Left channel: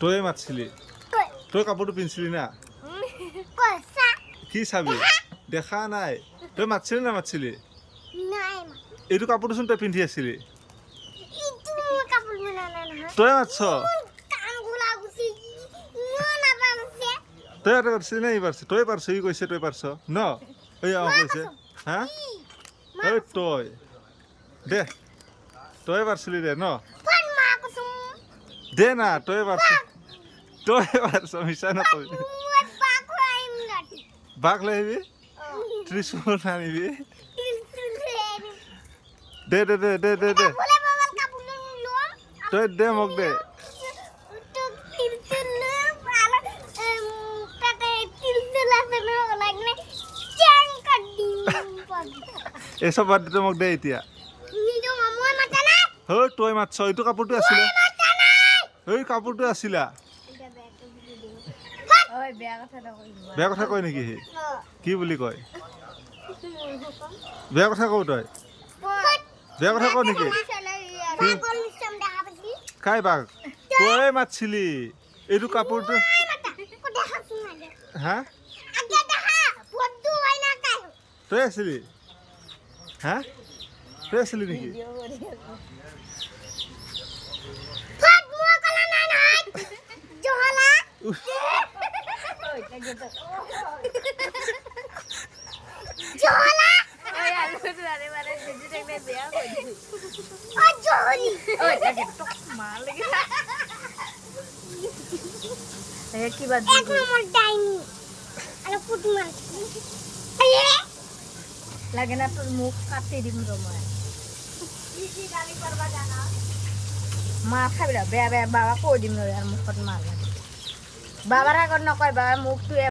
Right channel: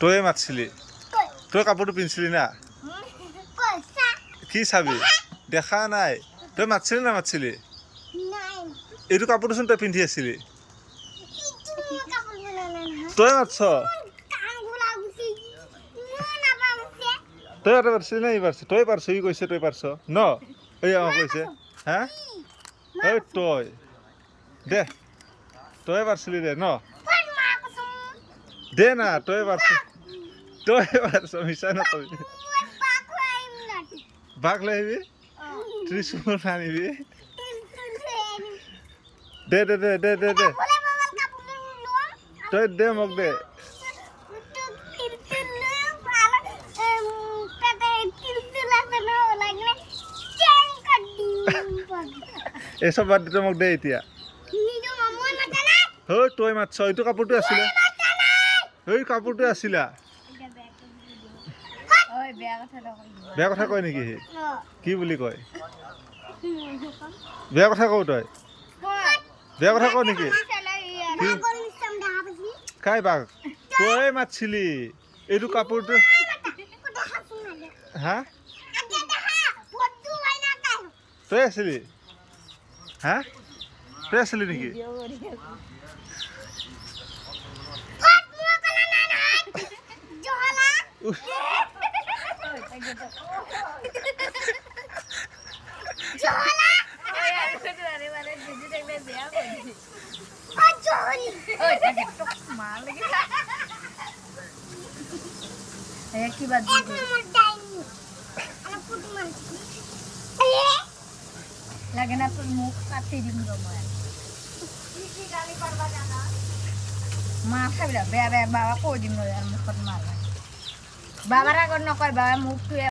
তই মাতিছিলি তই কাপোৰটো পিন্ধিছিলি না কি চাবি দেখা নাই তই মাতিছিলি না মাতিছিলি এইটো কাপোৰটোচোন তই পিন্ধি আছিলি তই মাতছ তই এটা পাৰছিলি না ই পাৰছ তই পাৰছ ই কৈছে তই পাৰছ ন এই কৈছে হা এই তই দে তই পাৰছিলি দে ন দে না তই পাৰছ মিছা নকবি বাঘ লৈ আহিবি ত্ৰিশূল আনিবি দে দে দে দে দে দে তই দে মোক দে এইসব বাদ দে মোক দে এতিয়া তই মাতছ এইটো কাপোৰটো আছিলে এই কাপোৰটো আছিলা বেয়া কথা কয় নেকি সি কি বুলি কয় বেয়া কথা কওঁ তই বেয়া কথা কওঁ নেকি কাই বাঘ তই মাতিছিলি এইটো কাপোৰটো হা তই আছিলি হা তই আছিলি নেকি লাগে না তোর মুখ কাটতে দিন তোমার মা খাবি না বেয়া বেয়া বাবা কই দিন আর মুখত মার বাবার আগত নকয় বাবা মুখ তুই